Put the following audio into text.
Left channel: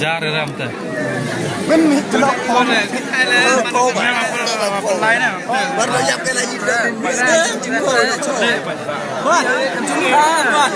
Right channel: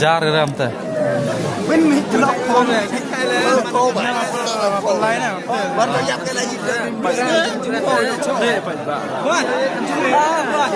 Jar ram ta. Bên mình lọc con cô bà con lái nè. Bắt đầu dập cái này gì đấy. Vâng. Vâng.